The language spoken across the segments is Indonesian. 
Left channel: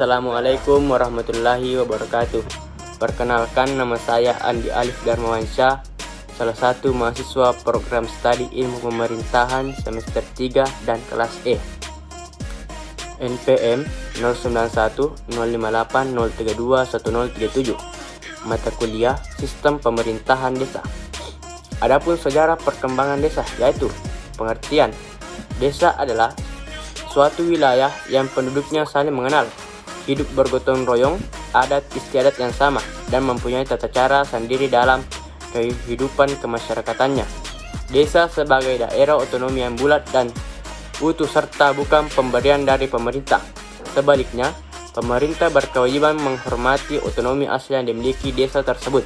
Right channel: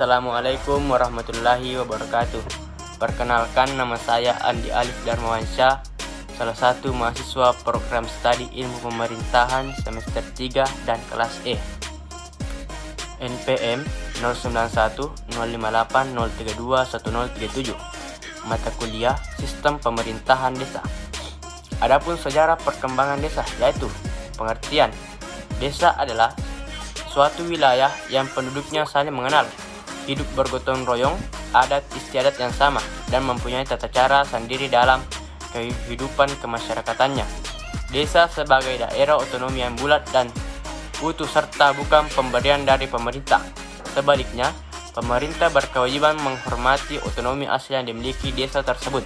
Assalamualaikum warahmatullahi wabarakatuh. Perkenalkan, nama saya Andi Alif Darmawansyah, salah satu mahasiswa program studi ilmu pemerintahan semester 3 dan kelas E. NPM 091058032137. Mata kuliah Sistem Pemerintahan Desa. Adapun sejarah perkembangan desa, yaitu pengertian desa adalah suatu wilayah yang penduduknya saling mengenal, hidup bergotong royong, adat istiadat yang sama, dan mempunyai tata cara sendiri dalam kehidupan kemasyarakatannya. Desa sebagai daerah otonomi yang bulat dan utuh serta bukan pemberian dari pemerintah. Sebaliknya, pemerintah berkewajiban menghormati otonomi asli yang dimiliki desa tersebut.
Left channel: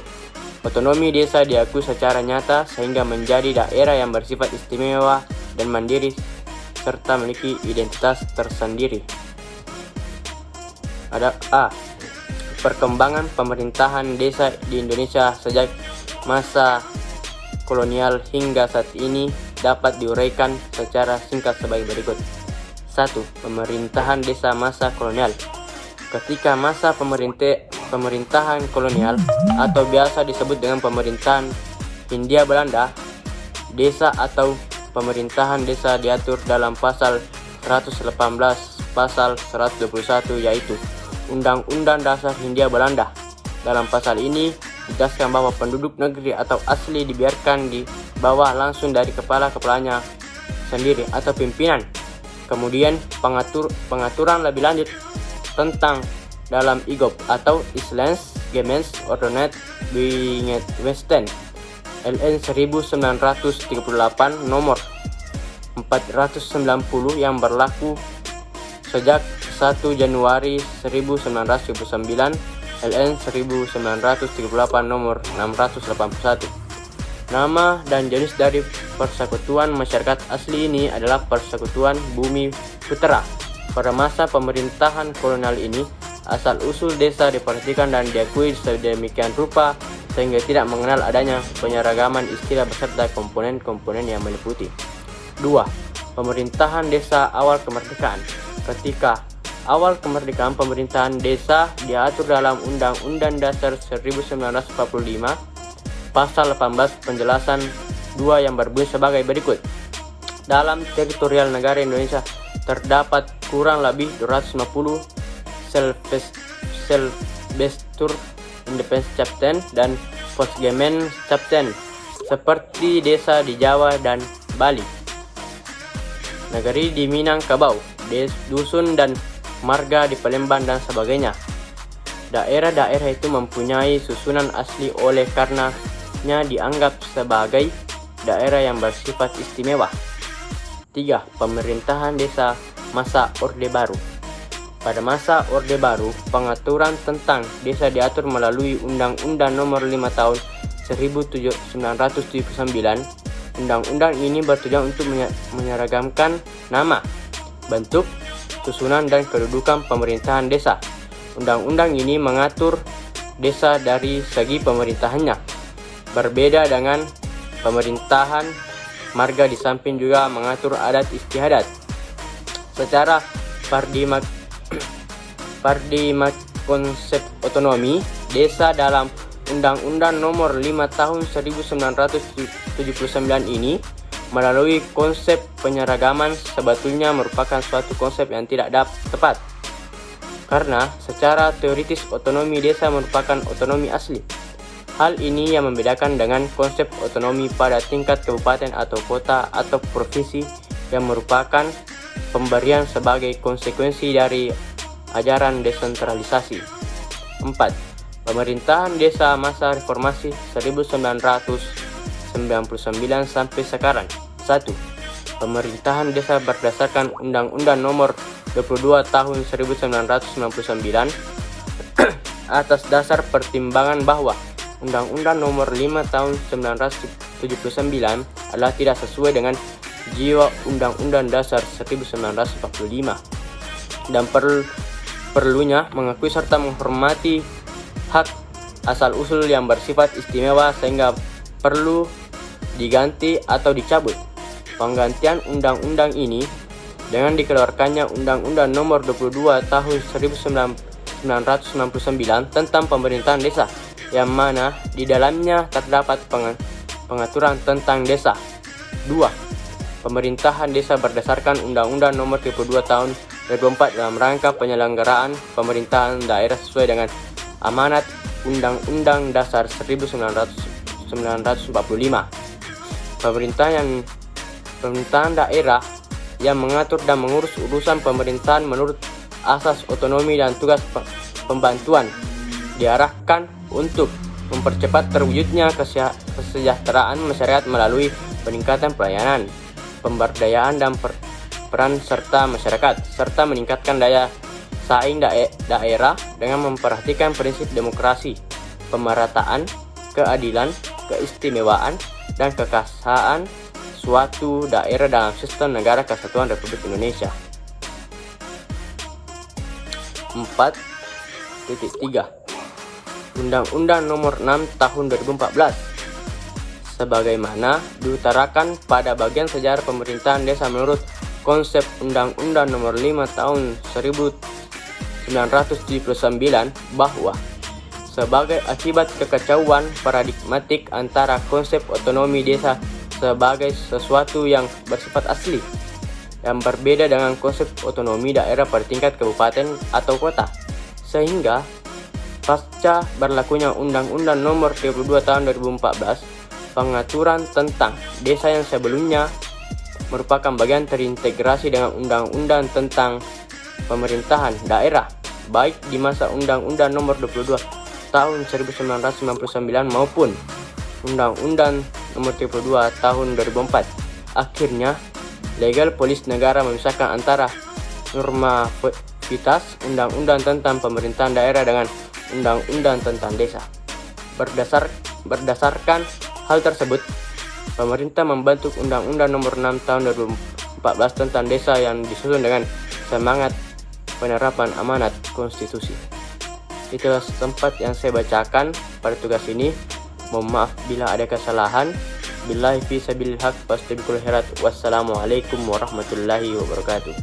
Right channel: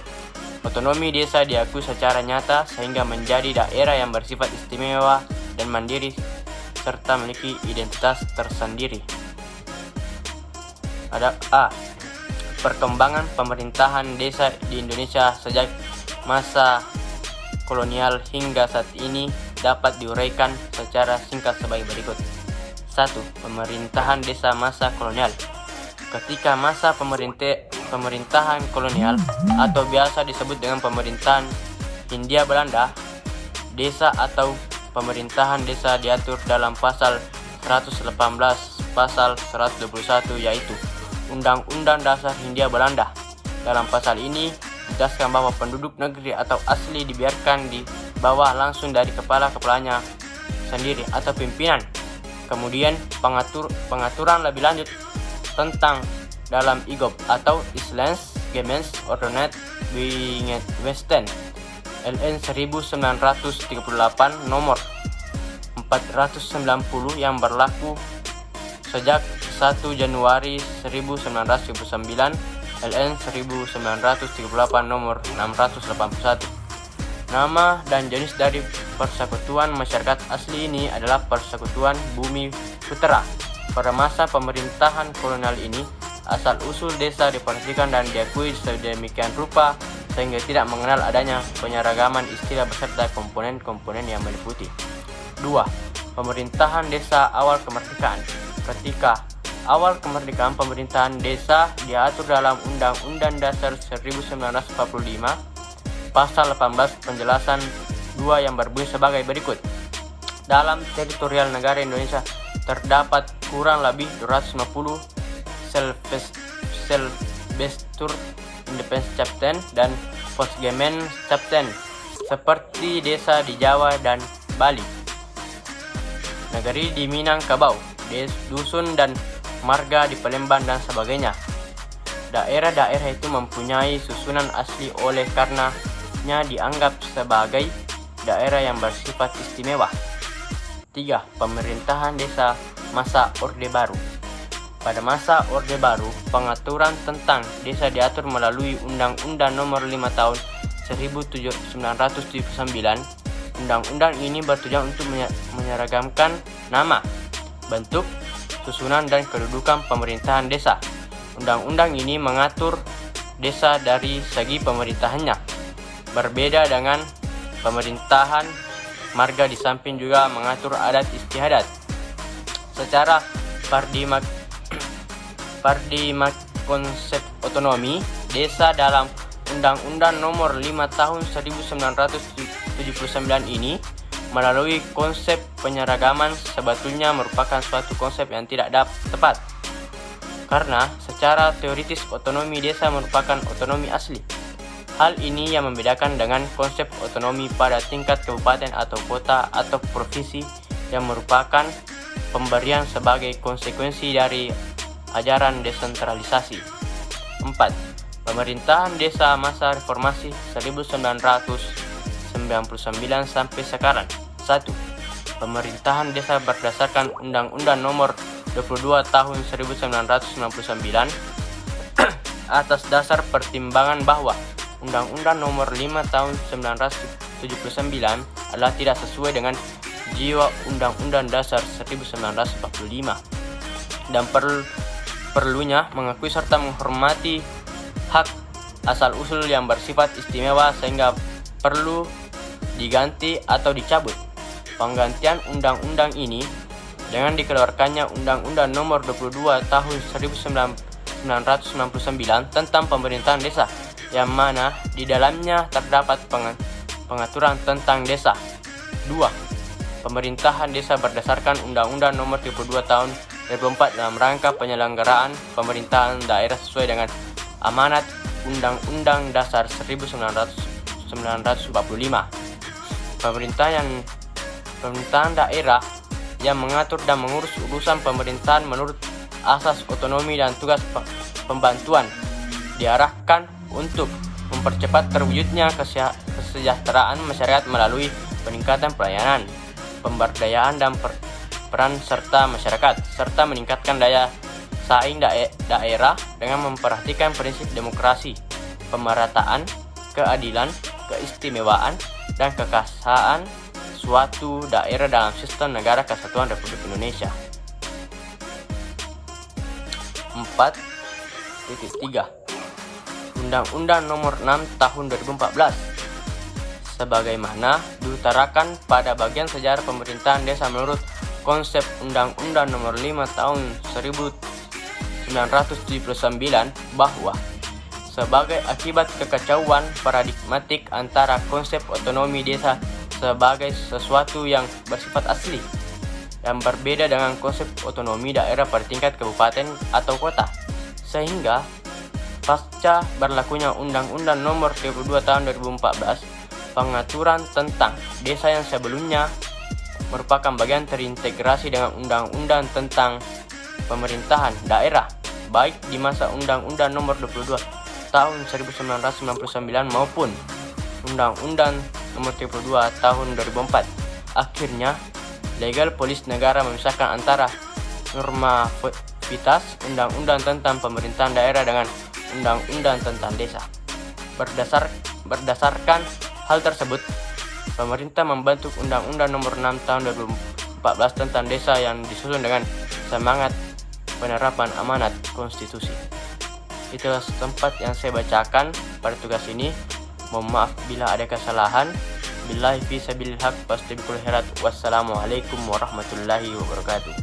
Otonomi desa diakui secara nyata sehingga menjadi daerah yang bersifat istimewa dan mandiri serta memiliki identitas tersendiri. Ada A. Perkembangan pemerintahan desa di Indonesia sejak masa kolonial hingga saat ini dapat diuraikan secara singkat sebagai berikut. 1. Pemerintahan desa masa kolonial. Ketika masa pemerintahan kolonial atau biasa disebut dengan pemerintahan Hindia Belanda, desa atau pemerintahan desa diatur dalam pasal 118 pasal 121, yaitu Undang-Undang Dasar Hindia Belanda. Dalam pasal ini ditegaskan bahwa penduduk negeri atau asli dibiarkan di bawah langsung dari kepala-kepalanya sendiri atau pimpinan. Kemudian pengaturan lebih lanjut tentang dalam IGOP atau Islands Gemens Ordonat Westen LN 1938 nomor 490 yang berlaku sejak 1 Januari 1979 LN 1938 nomor 681. Nama dan jenis dari persekutuan masyarakat asli ini adalah Persekutuan Bumi Putra. Pada masa pemerintahan kolonial ini, asal-usul desa diperhatikan dan diakui sedemikian rupa sehingga tidak mengenal adanya penyeragaman istilah beserta komponen-komponen yang meliputi. 2. Pemerintahan desa awal kemerdekaan. Ketika awal kemerdekaan, pemerintahan desa diatur dalam Undang-Undang Dasar 1945 pasal 18 penjelasan 2 yang berbunyi sebagai berikut. Dalam teritorial negara Indonesia terdapat kurang lebih 250 self-destur independent captain dan postgemen captain seperti desa di Jawa dan Bali, negeri di Minangkabau, dusun dan marga di Palembang dan sebagainya. Daerah-daerah itu mempunyai susunan asli oleh karenanya dianggap sebagai daerah yang bersifat istimewa. 3. Pemerintahan desa masa Orde Baru. Pada masa Orde Baru, pengaturan tentang desa diatur melalui Undang-Undang Nomor 5 Tahun 1979. Undang-undang ini bertujuan untuk menyeragamkan nama, bentuk, susunan dan kedudukan pemerintahan desa. Undang-undang ini mengatur desa dari segi pemerintahannya. Berbeda dengan pemerintahan marga, di samping juga mengatur adat istiadat. Secara paradigma konsep otonomi desa dalam Undang-Undang Nomor 5 Tahun 1979 ini melalui konsep penyeragaman sebetulnya merupakan suatu konsep yang tidak tepat, karena secara teoritis otonomi desa merupakan otonomi asli. Hal ini yang membedakan dengan konsep otonomi pada tingkat kabupaten atau kota atau provinsi yang merupakan pemberian sebagai konsekuensi dari ajaran desentralisasi. 4. Pemerintahan desa masa reformasi 1999 sampai sekarang. 1. Pemerintahan desa berdasarkan Undang-Undang Nomor 22 Tahun 1999 atas dasar pertimbangan bahwa Undang-Undang Nomor 5 Tahun 1979 adalah tidak sesuai dengan jiwa Undang-Undang Dasar 1945 dan perlunya mengakui serta menghormati hak asal-usul yang bersifat istimewa sehingga perlu diganti atau dicabut. Penggantian undang-undang ini dengan dikeluarkannya Undang-Undang Nomor 22 Tahun 1999 tentang pemerintahan desa, yang mana di dalamnya terdapat pengaturan tentang desa. 2. Pemerintahan desa berdasarkan Undang-Undang Nomor 32 Tahun 2004 dalam rangka penyelenggaraan pemerintahan daerah sesuai dengan amanat Undang-Undang Dasar 1945. Pemerintahan daerah yang mengatur dan mengurus urusan pemerintahan menurut asas otonomi dan tugas pembantuan diarahkan untuk mempercepat terwujudnya kesejahteraan masyarakat melalui peningkatan pelayanan, pemberdayaan dan peran serta masyarakat, serta meningkatkan daya saing daerah dengan memperhatikan prinsip demokrasi, pemerataan, keadilan, keistimewaan, dan kekasaan suatu daerah dalam sistem negara kesatuan Republik Indonesia. 4.3 Undang-Undang Nomor 6 Tahun 2014 sebagaimana diutarakan pada bagian sejarah pemerintahan desa menurut konsep Undang-Undang Nomor 5 Tahun 1979 bahwa sebagai akibat kekacauan paradigmatik antara konsep otonomi desa sebagai sesuatu yang bersifat asli yang berbeda dengan konsep otonomi daerah pada tingkat kabupaten atau kota, sehingga pasca berlakunya Undang-Undang Nomor 32 Tahun 2014, pengaturan tentang desa yang sebelumnya merupakan bagian terintegrasi dengan Undang-Undang tentang pemerintahan daerah, baik di masa Undang-Undang Nomor 22 Tahun 1999 maupun Undang-Undang Nomor 32 Tahun 2004. Akhirnya, legal polis negara memisahkan antara normativitas Undang-Undang tentang pemerintahan daerah dengan Undang-Undang tentang desa. Berdasarkan hal tersebut, pemerintah membentuk Undang-Undang Nomor 6 Tahun 2014 tentang desa yang disusun dengan semangat penerapan amanat konstitusi. Itulah tempat yang saya bacakan pada tugas ini. Mohon maaf bila ada kesalahan. Billahi fi sabilil haq, fastabiqul khairat. Wassalamualaikum warahmatullahi wabarakatuh.